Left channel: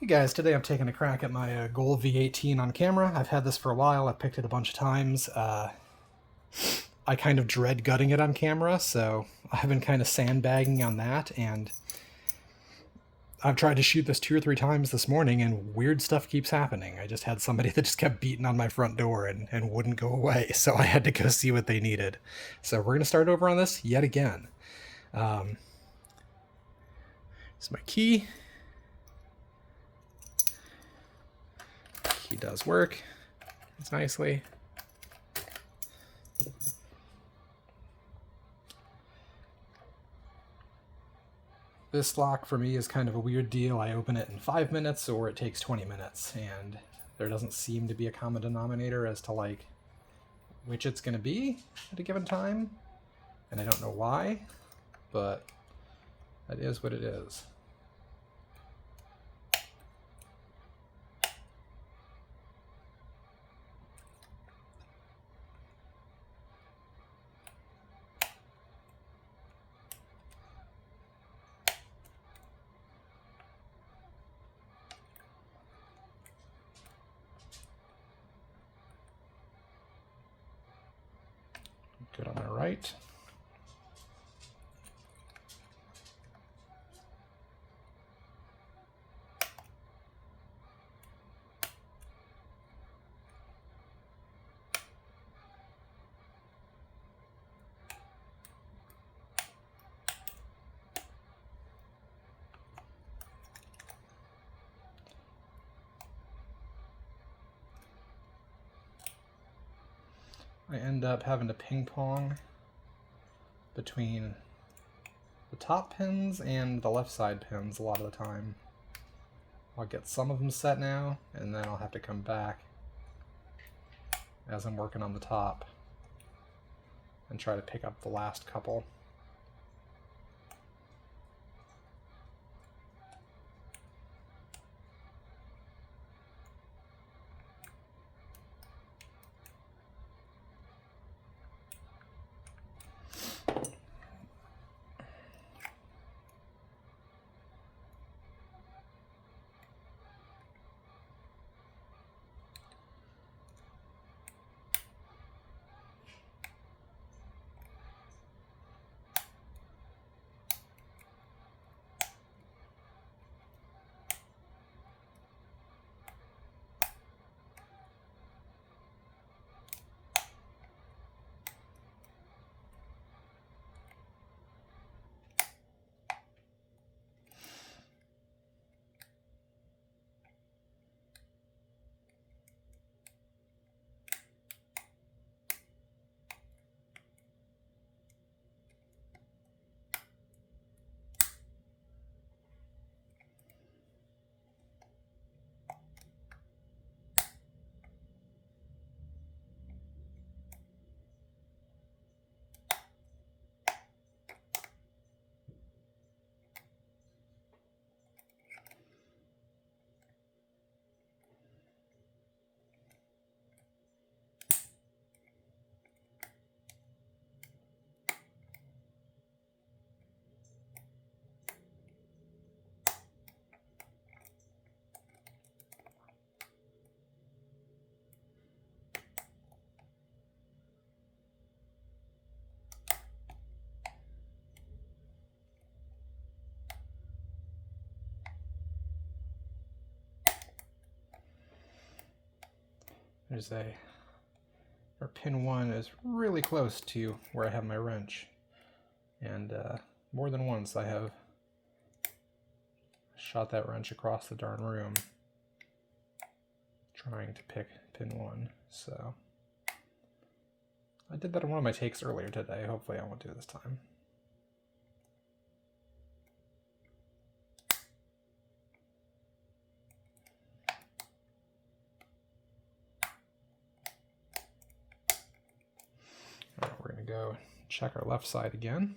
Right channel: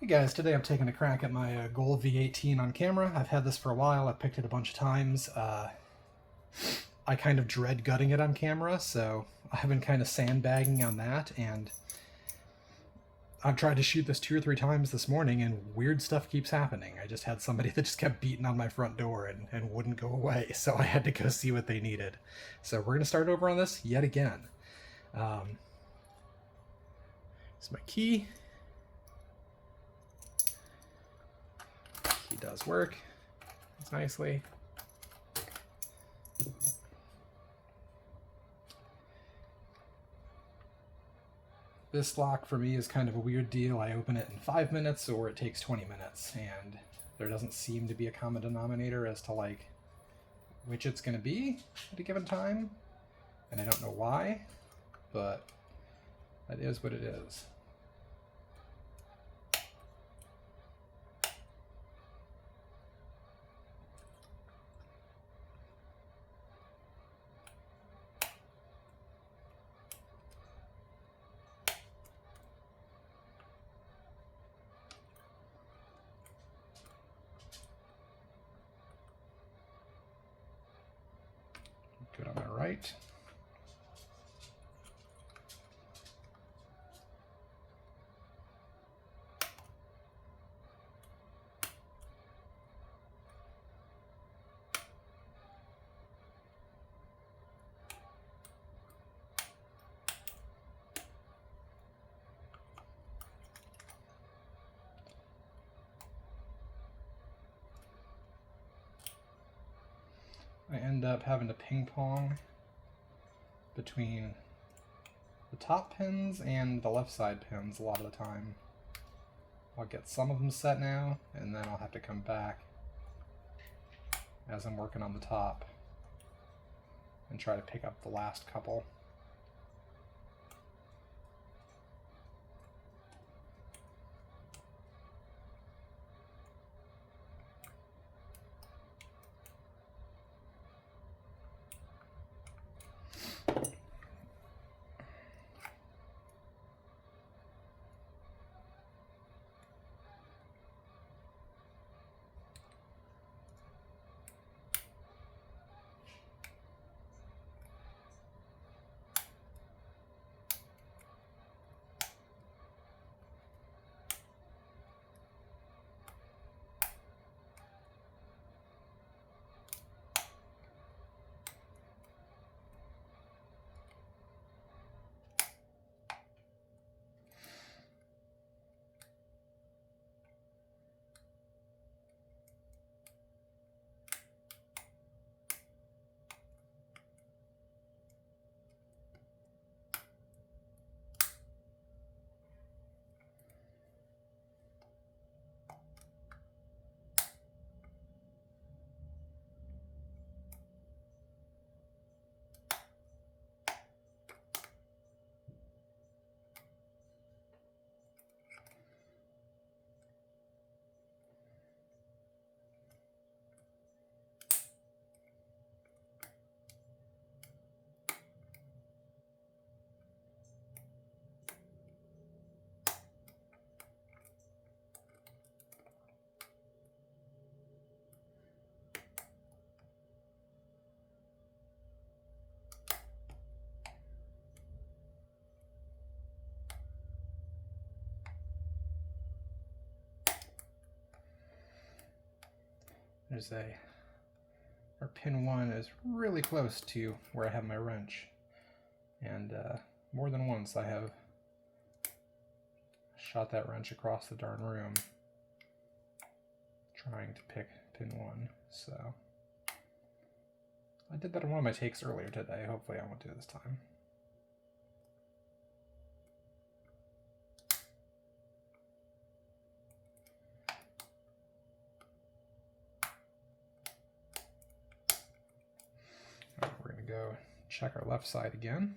Hey guys, today I'm taking a crack at my Gold V18 on camera. I've had this for a while, I've picked it a bunch of times. I kind of dread gutting it on camera, so I've been kind of sandbagging on that, and I've tried to shoot this 2 or 3 times this morning, and weird stuff keeps happening. I just had somebody that just kept beating on my front door and wouldn't go away, so I had to go see what they needed. So we're going to start over on this yet again. It's my key. Key does work. It's nicely. This lock for me is kind of a weird deal. I open it in 5 minutes or it takes 20 minutes, and there doesn't seem to be a common denominator as to like which it's going to be at a given time, and I don't know why, but that is what it is. Good on the right. I end up having to ping pong between the top pins and the left side pins a lot of the time. I'll get some of them set now, and then I'll have to come back as I'm working on the top and try to pick up the last couple. There's or pin 1 is really close to where I have my wrench, and more than once I have shot that wrench across the darn room trying to pick pin 1. So I did that in one of my takes earlier today. Hopefully I won't do it this time. Right, we're going to go check our left side again.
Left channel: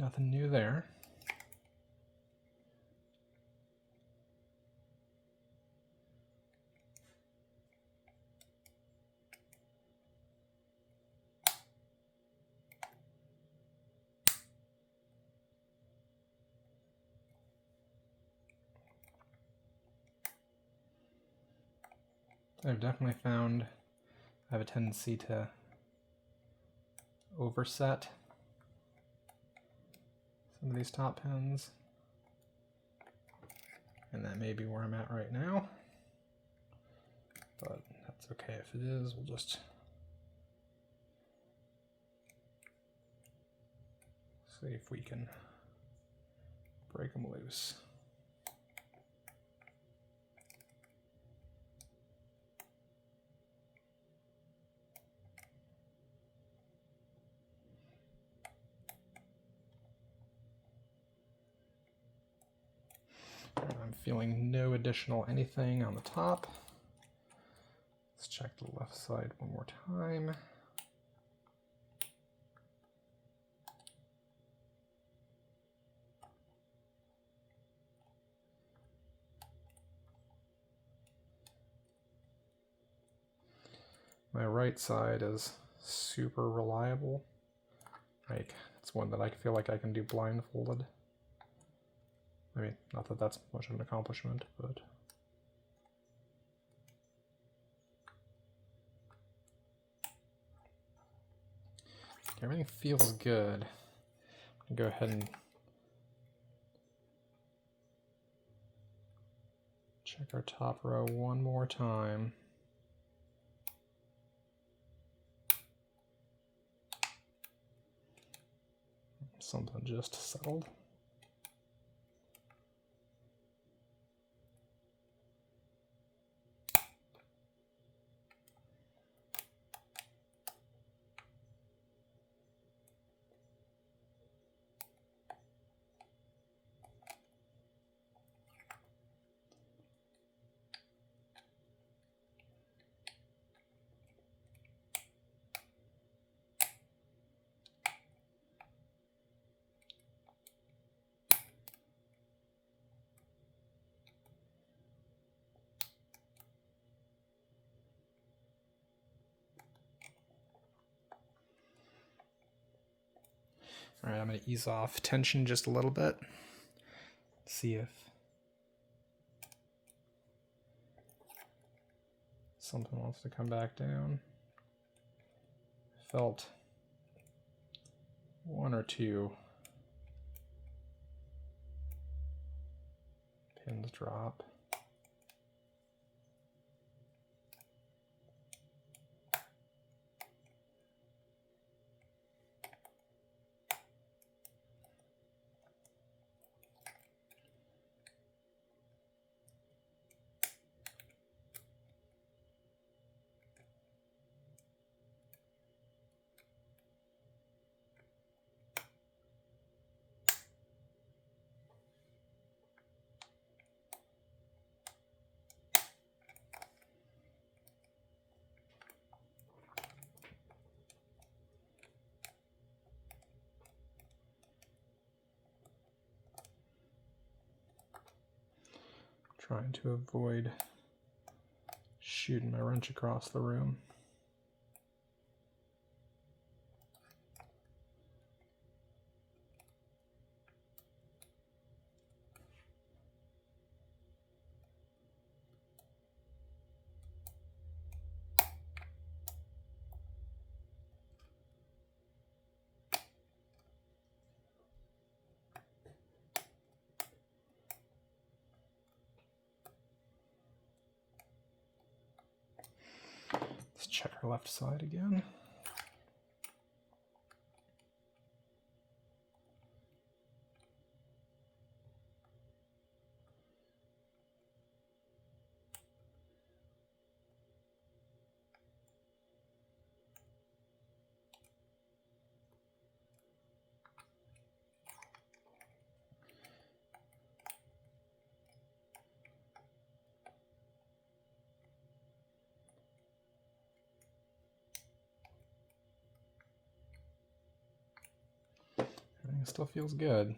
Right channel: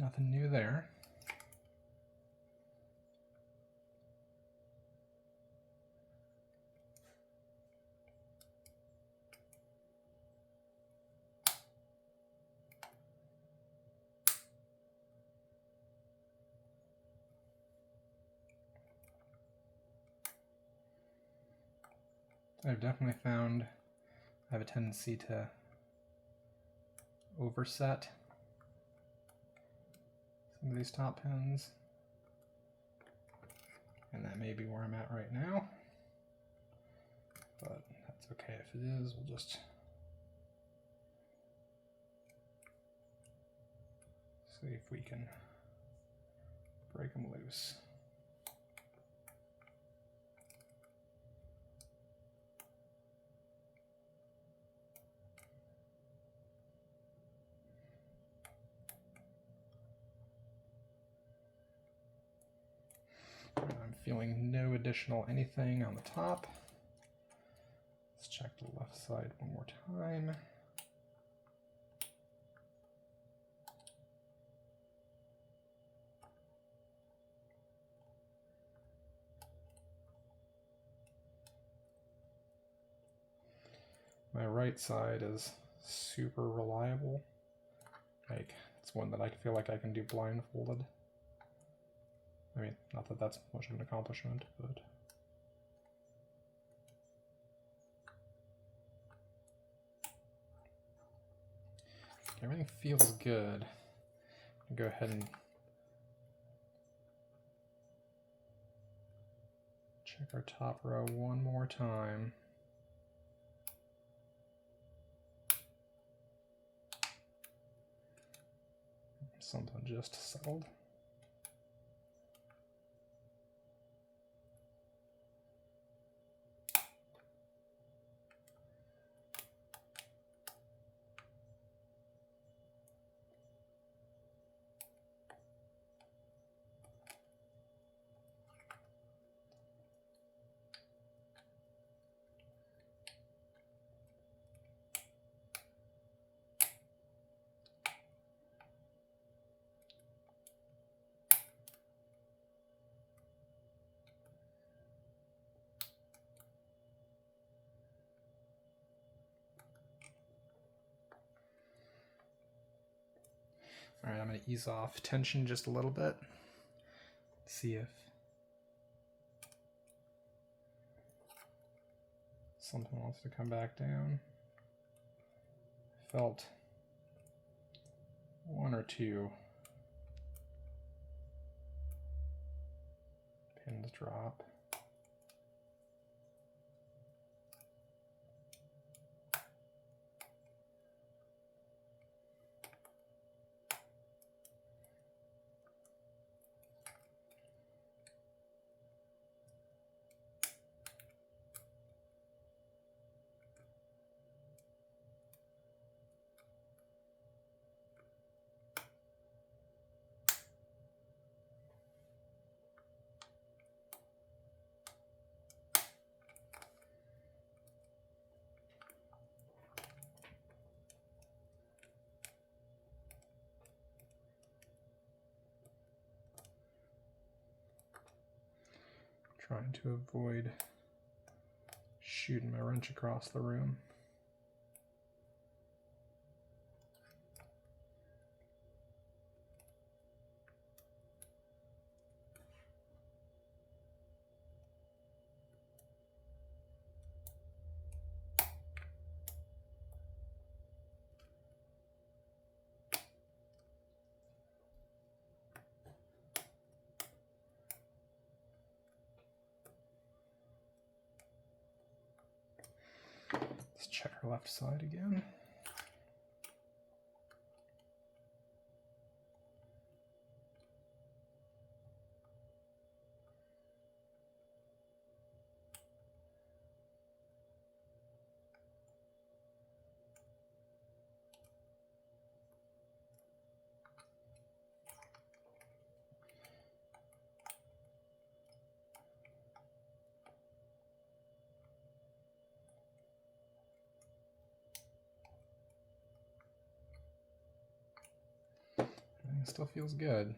Nothing new there. I've definitely found I have a tendency to overset some of these top pins, and that may be where I'm at right now, but that's okay if it is. We'll just see if we can break them loose. I'm feeling no additional anything on the top. Let's check the left side one more time. My right side is super reliable. Like, it's one that I feel like I can do blindfolded. I mean, not that that's much of an accomplishment, but... everything feels good. I'll go ahead and check our top row one more time. Something just settled. All right, I'm going to ease off tension just a little bit. See if something wants to come back down. Felt one or two pins drop. Trying to avoid shooting my wrench across the room. Let's check our left side again. It still feels good.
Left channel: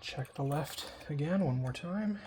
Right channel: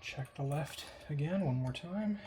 Check the left again one more time.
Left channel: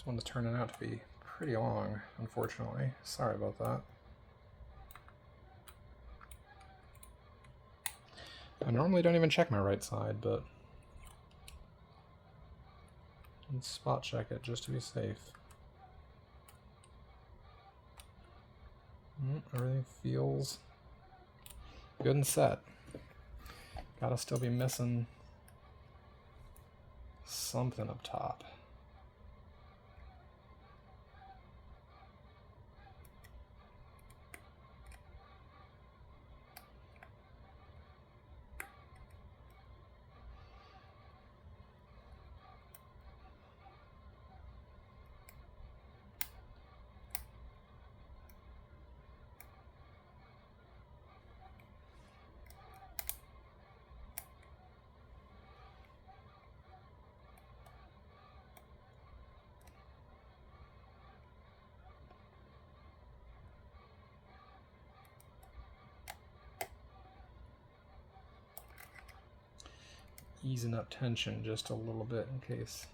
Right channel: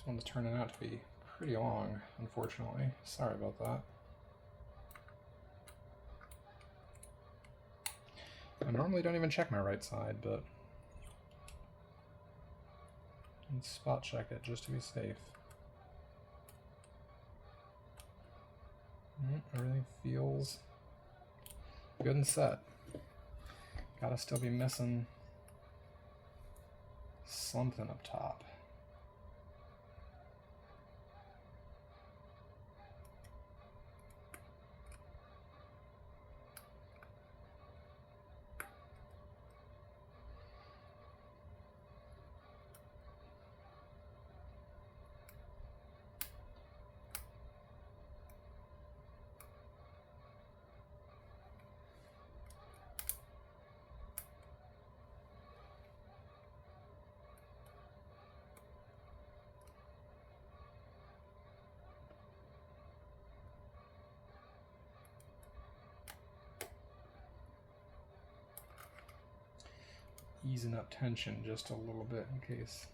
This one's turning out to be pretty long, unfortunately. Sorry about that. I normally don't even check my right side, but let's spot check it just to be safe. Everything feels good and set. Gotta still be missing something up top. Easing up tension just a little bit in case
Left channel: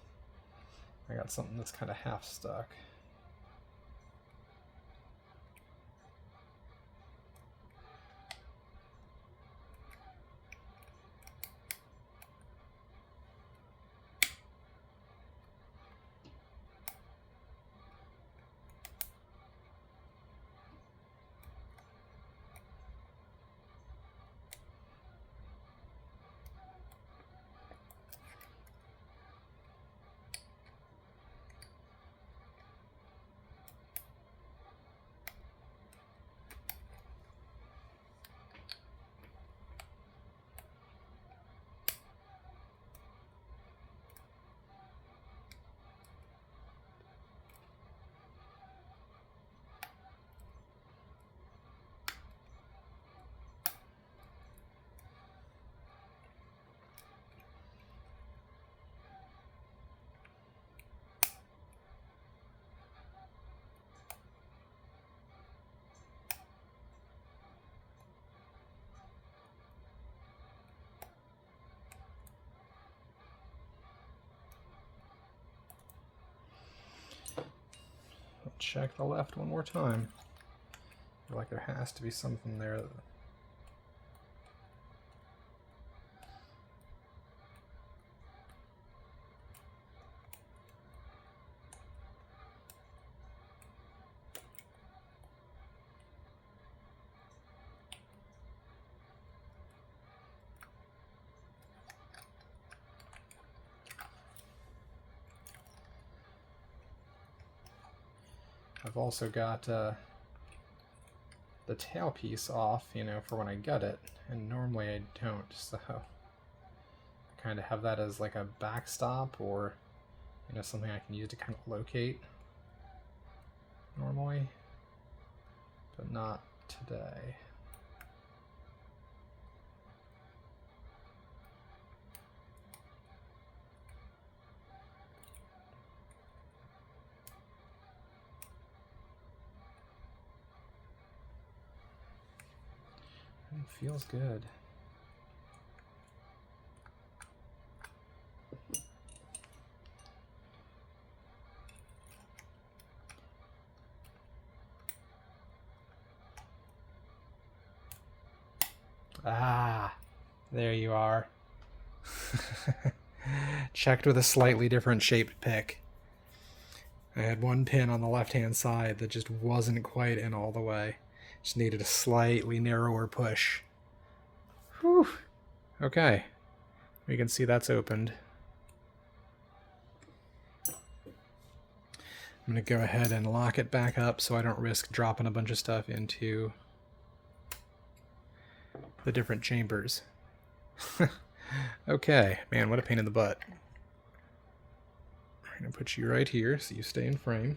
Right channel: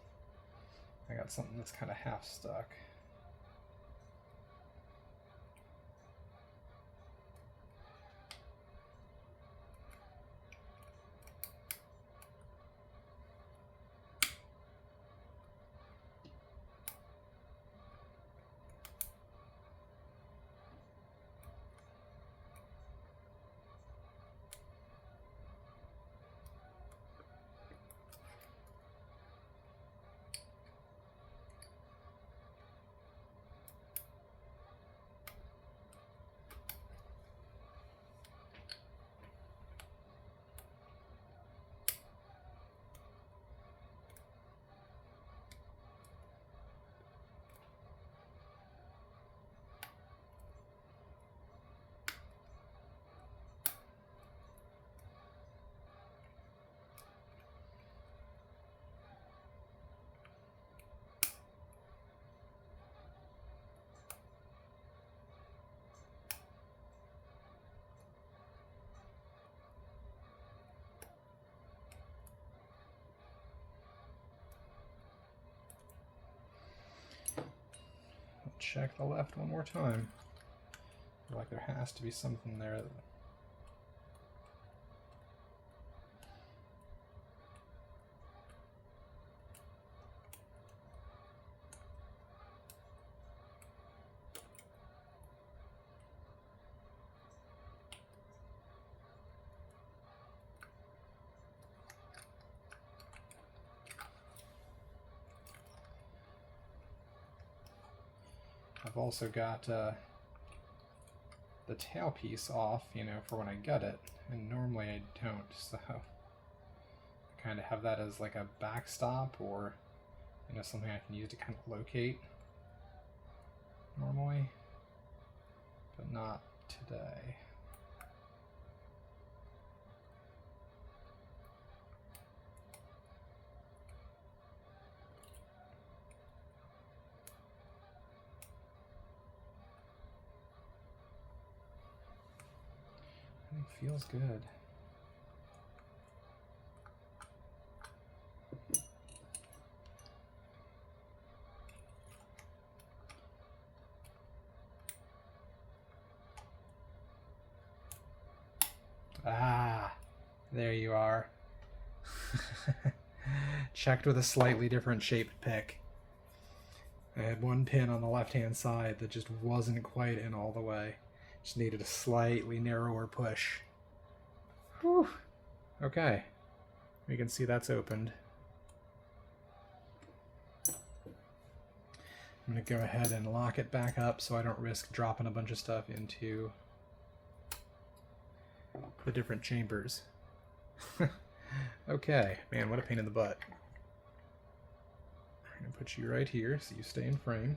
I got something that's kind of half stuck. check the left one more time. I feel like there has to be something there. I've also got the tailpiece off, you know, for when I get it, and normally I don't, so I kind of have that as like a backstop, or, you know, something I can use to kind of locate normally, but not today. It feels good. Ah, there you are. Checked with a slightly different shaped pick. I had one pin on the left-hand side that just wasn't quite in all the way. Just needed a slightly narrower push. Whew. Okay, we can see that's opened. I'm going to go ahead and lock it back up so I don't risk dropping a bunch of stuff into the different chambers. Okay, man, what a pain in the butt. I'm going to put you right here so you stay in frame.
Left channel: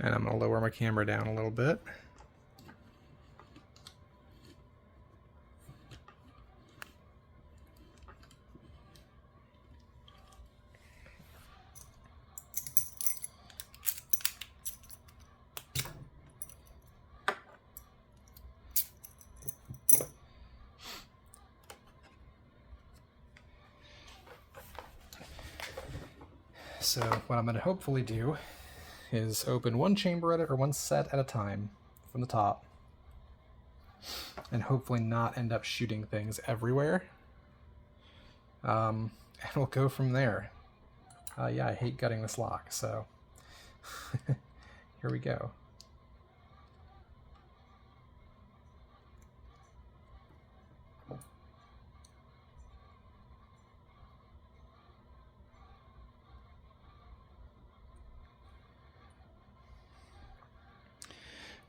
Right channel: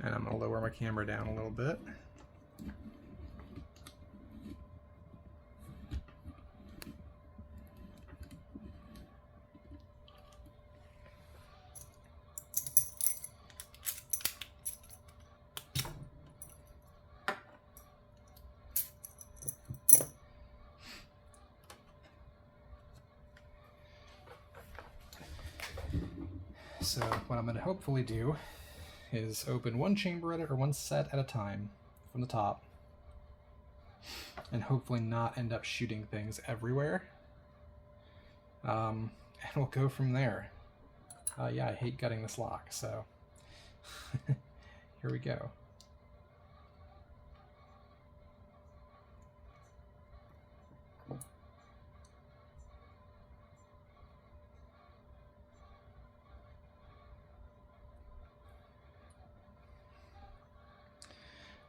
And I'm going to lower my camera down a little bit. So what I'm going to hopefully do is open one chamber at it, or one set at a time from the top, and hopefully not end up shooting things everywhere. And we'll go from there. Yeah, I hate gutting this lock, so here we go.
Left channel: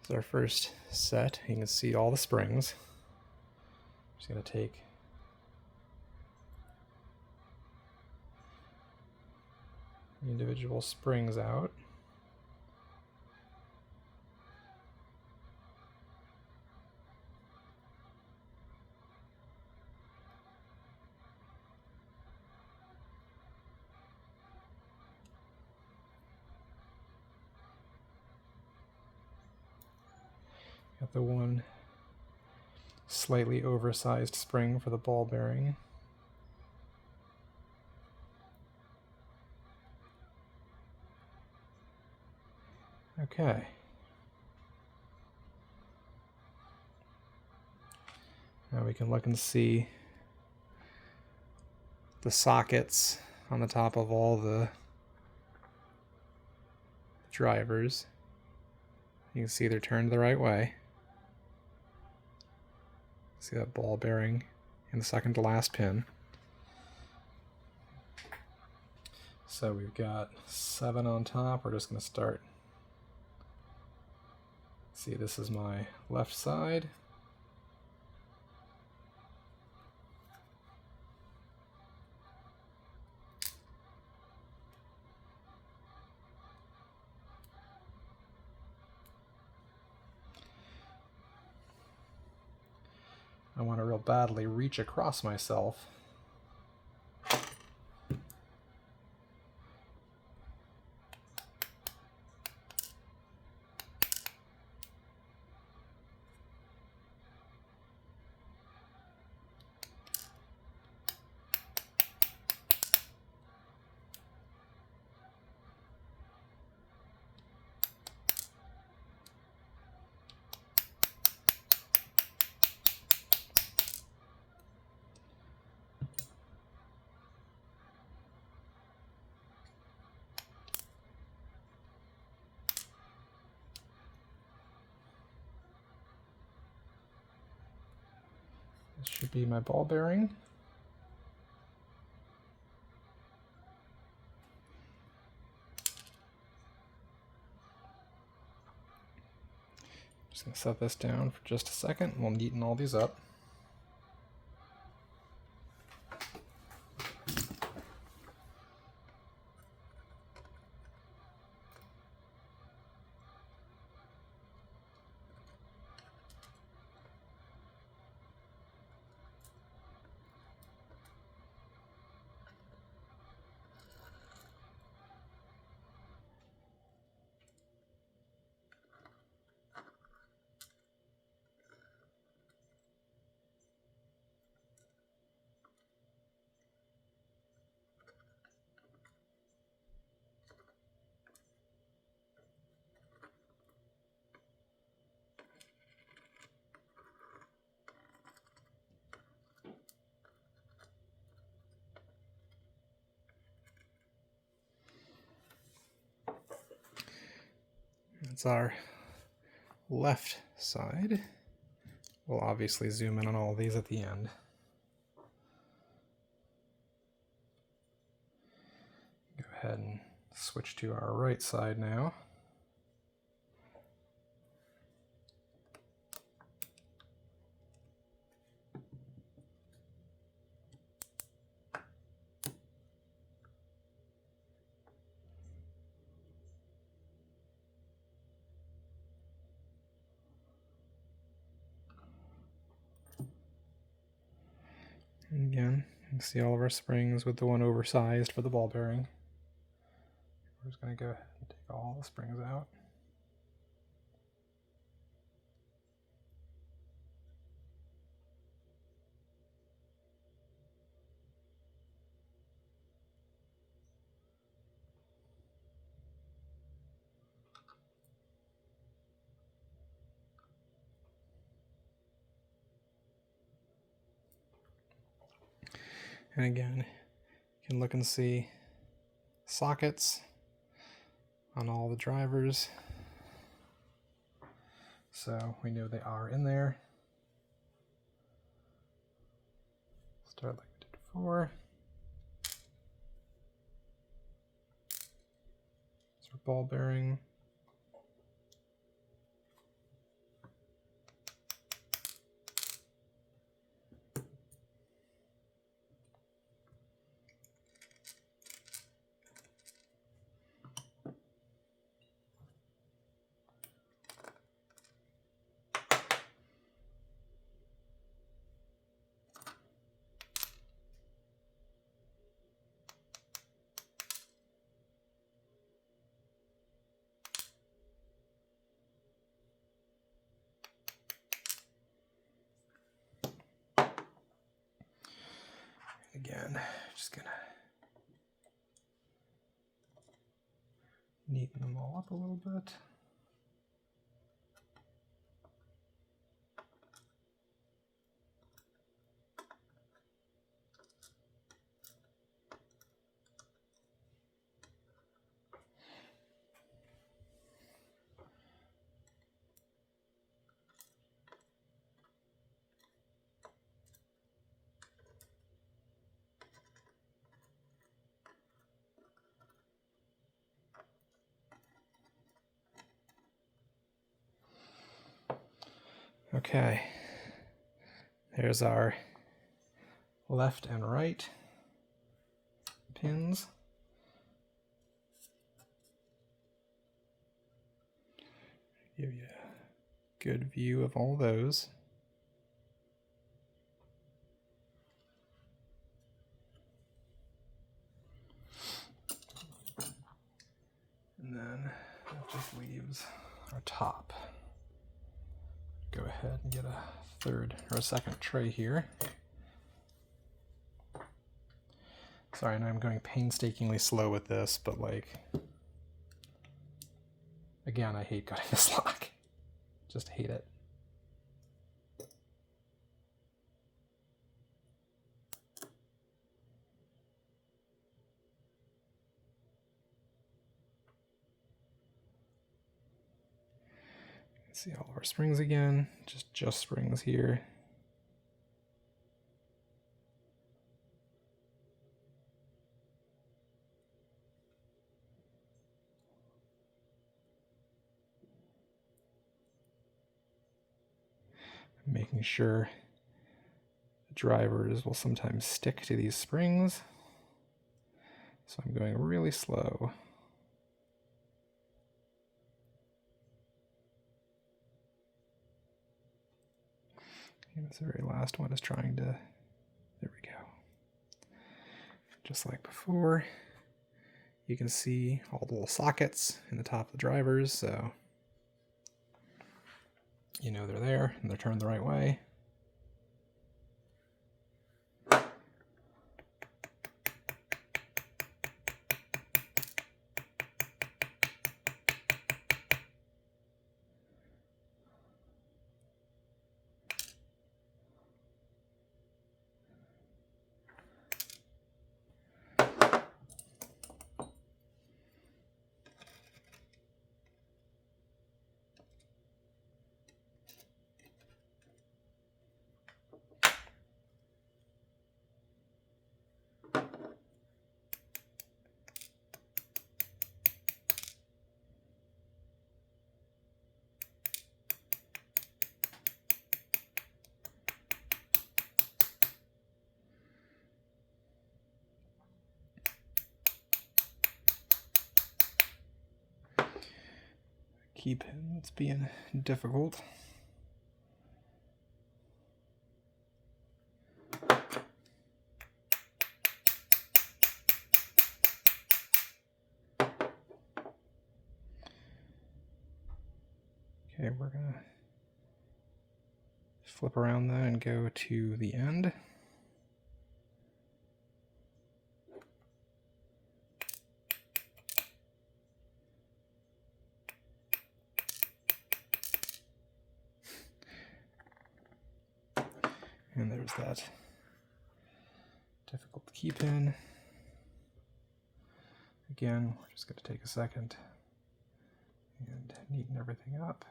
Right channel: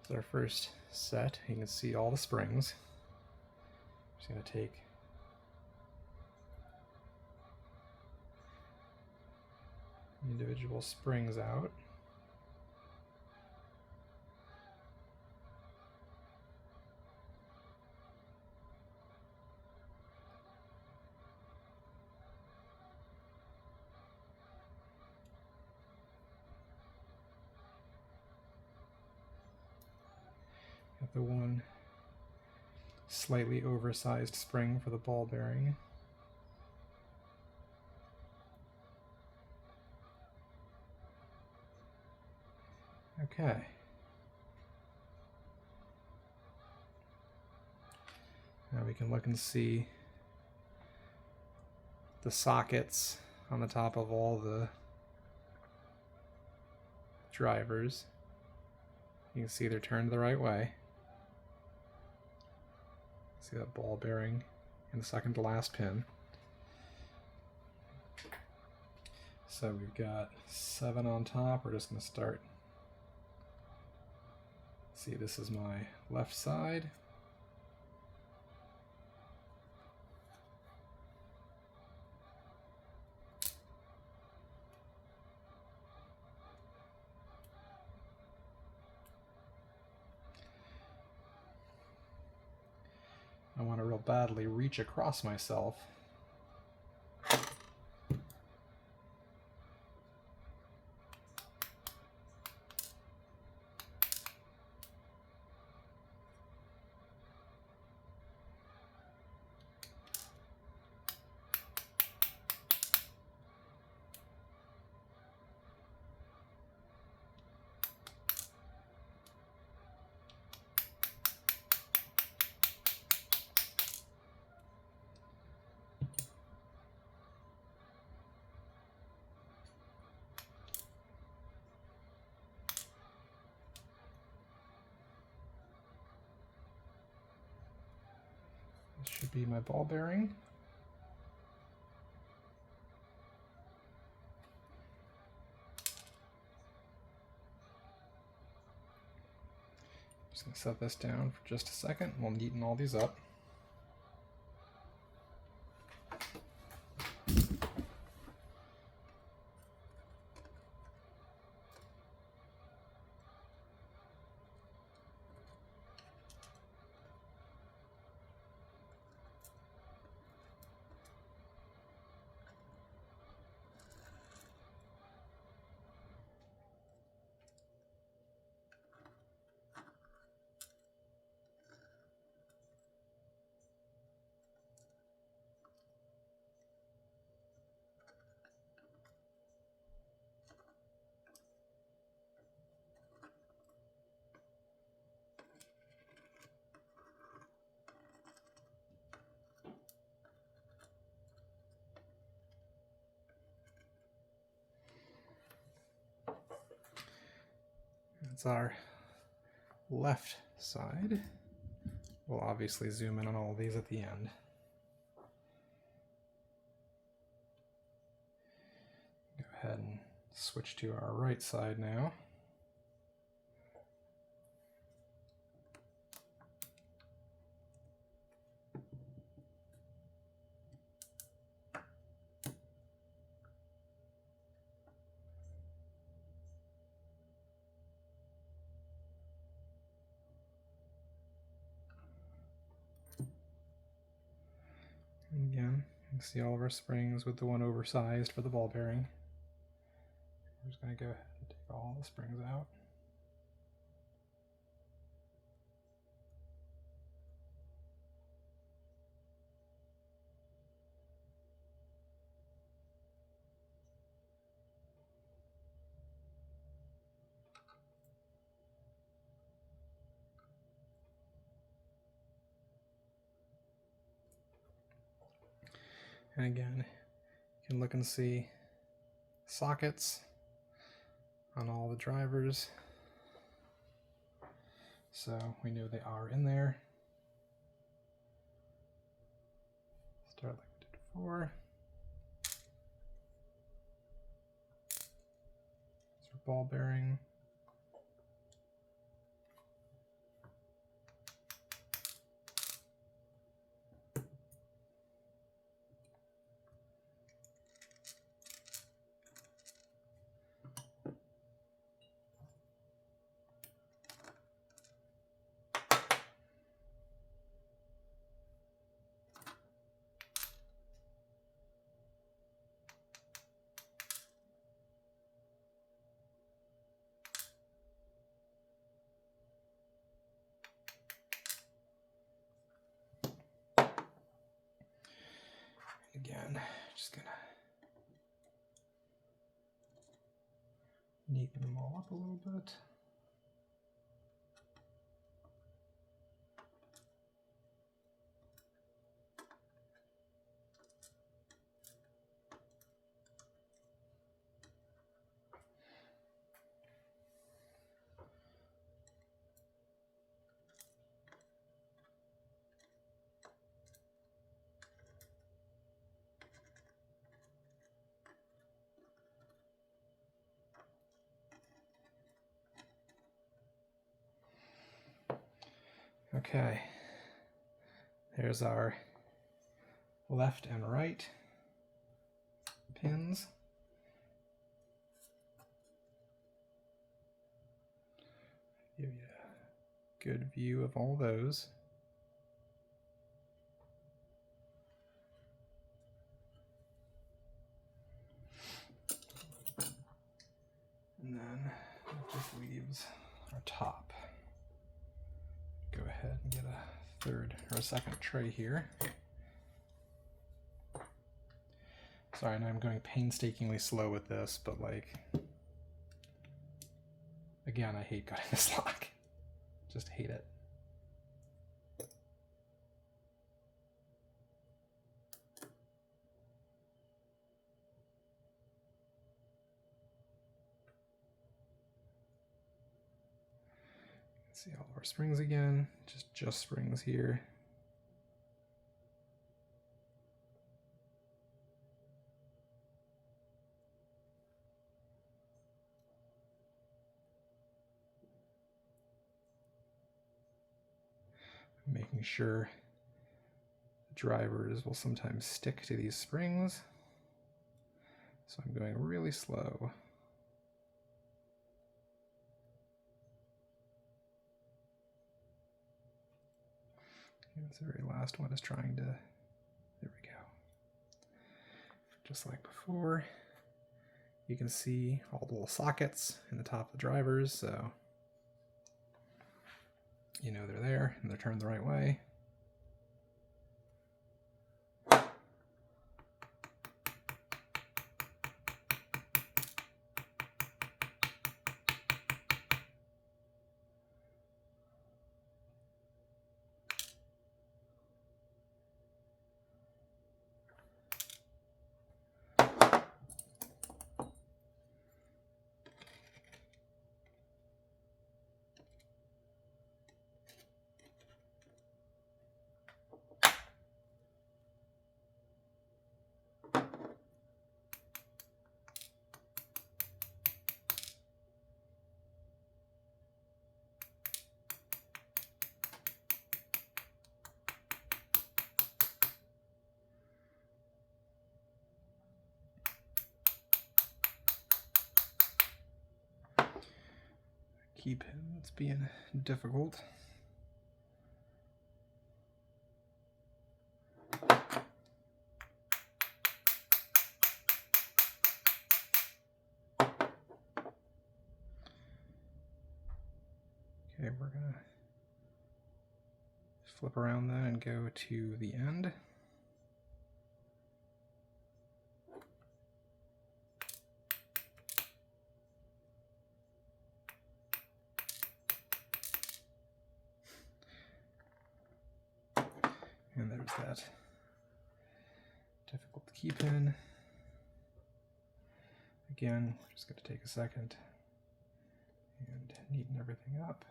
So our first set, you can see all the springs. Just going to take the individual springs out. Got the one slightly oversized spring for the ball bearing. Okay. Now we can look and see the sockets on the top of all the drivers. You can see they're turned the right way. See that ball bearing in the second to last pin. So we've got 7 on top. We're just going to start. See, this is my left side. I want to real badly reach across myself. be my ball bearing. Just going to set this down for just a second, and we'll neaten all these up. That's our left side. We'll obviously zoom in on all these at the end. Go ahead and switch to our right side now. Again, you can see all of our springs with the one oversized for the ball bearing. We're just going to go ahead and take all the springs out. And again, you can look and see sockets on all the drivers, so we know they are in there. Start like we did before. It's our ball bearing. Again, just gonna neaten them all up a little bit. Okay, there's our left and right pins. Give you a good view of all those. And then it just leaves our top. Go ahead and get a third or a second tray here. Sorry, now I'm going painstakingly slow with this, but like, again, I hate cutting this lock. Just hate it. See all of our springs again, just springs here. making sure the drivers will sometimes stick to these springs. So I'm going really slow. And this very last one is trying to, there we go. Just like before, you can see all the little sockets in the top of the drivers, so you know they're there and they're turned the right way. Keep it's being difficult. Okay, we're gonna flip around then and go to the end. And there's that difficult key pin. Again, we're just going to take a second and neaten everything up.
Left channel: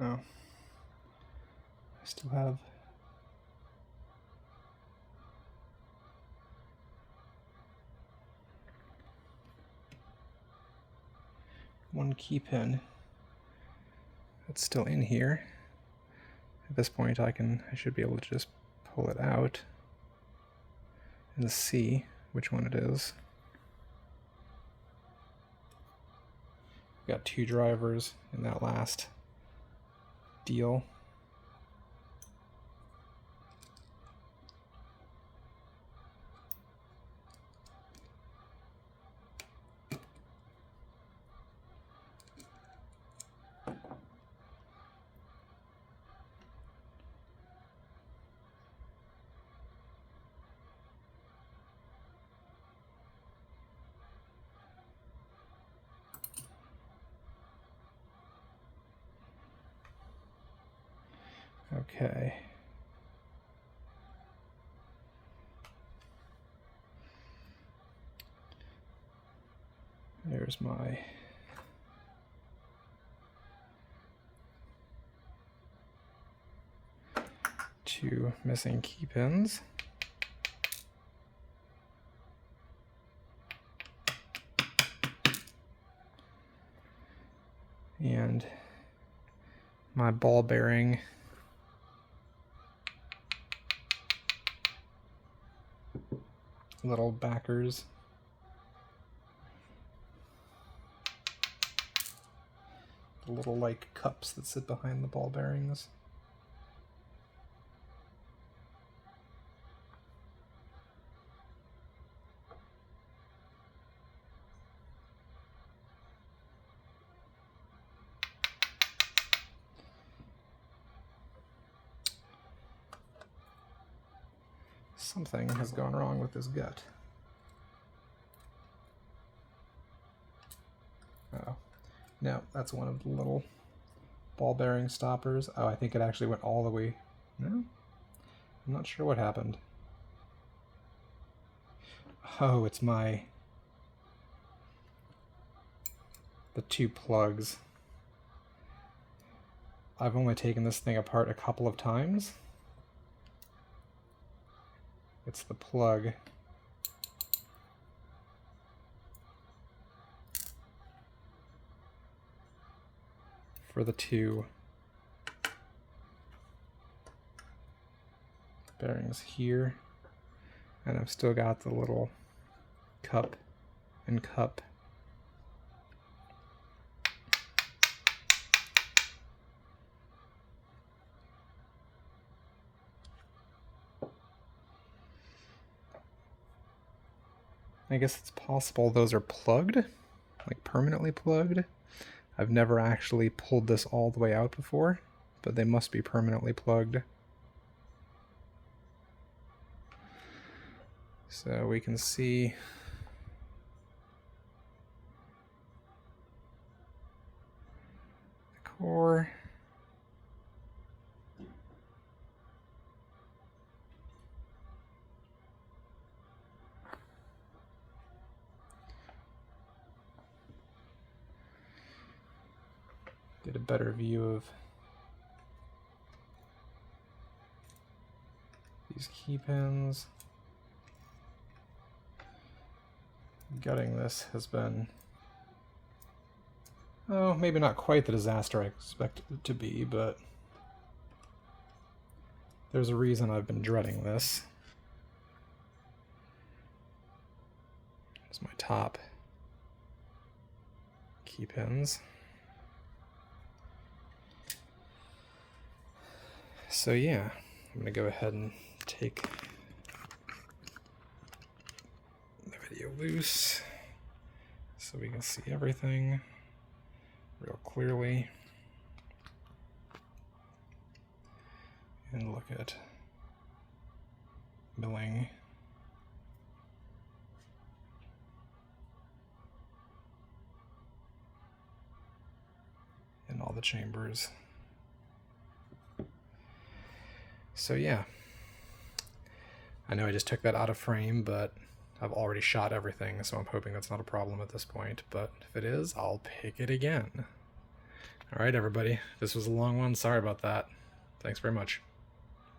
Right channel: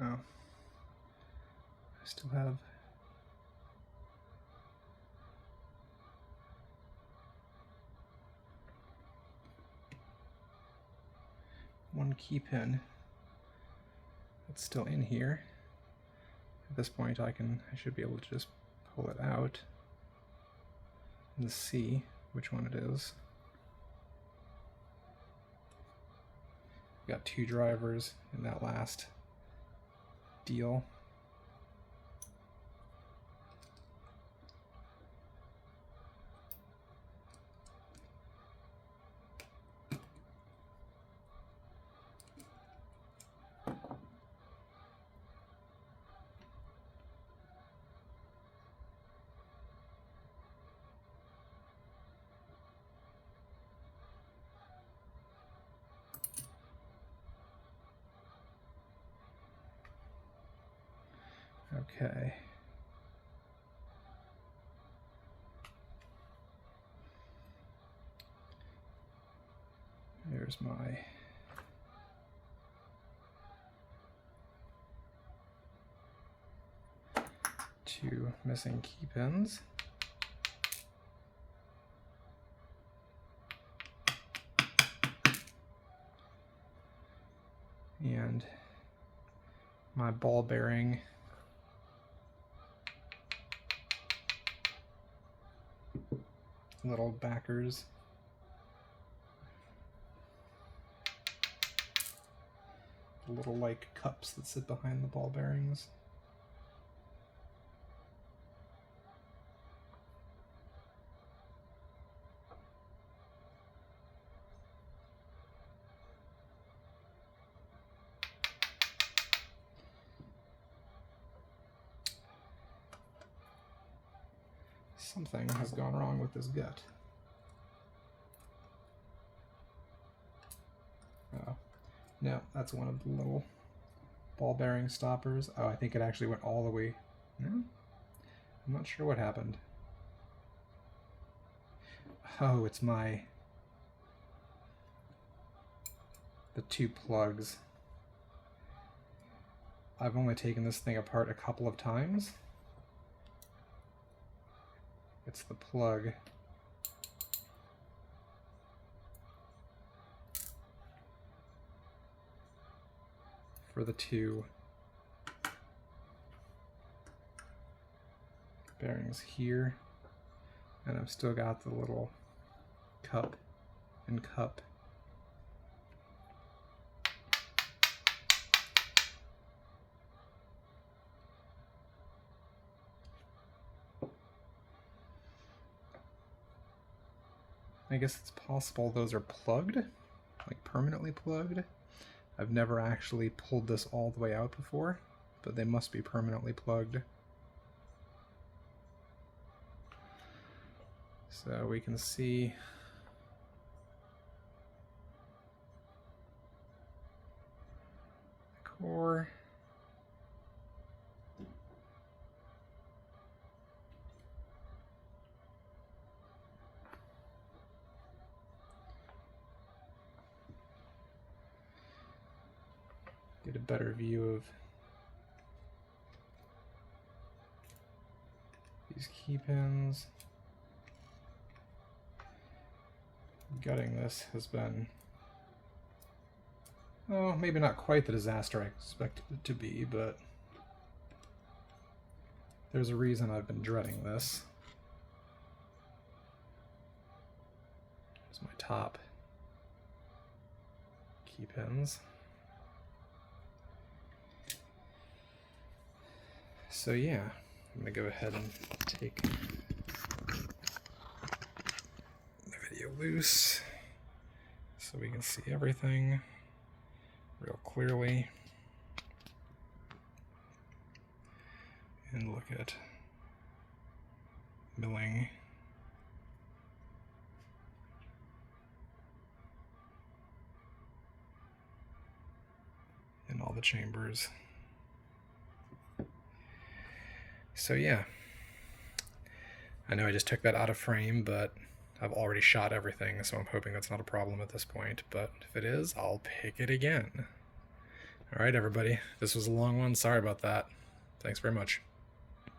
Oh, I still have one key pin that's still in here. At this point I should be able to just pull it out and see which one it is. Got two drivers in that last deal. Okay. There's my two missing key pins. And my ball bearing little backers. The little like cups that sit behind the ball bearings. Something has gone wrong with this gut. Oh, no, that's one of the little ball bearing stoppers. Oh, I think it actually went all the way. No? I'm not sure what happened. Oh, it's the two plugs. I've only taken this thing apart a couple of times. It's the plug. For the two bearings here, and I've still got the little cup and cup. I guess it's possible those are plugged, like permanently plugged. I've never actually pulled this all the way out before, but they must be permanently plugged. So we can see the core. Get a better view of these key pins. Gutting this has been, oh, maybe not quite the disaster I expected it to be, but there's a reason I've been dreading this. Here's my top key pins. So yeah, I'm gonna go ahead and take the video loose so we can see everything real clearly and look at milling. In all the chambers. So yeah, I know I just took that out of frame, but I've already shot everything, so I'm hoping that's not a problem at this point, but if it is, I'll pick it again. All right, everybody, this was a long one. Sorry about that. Thanks very much.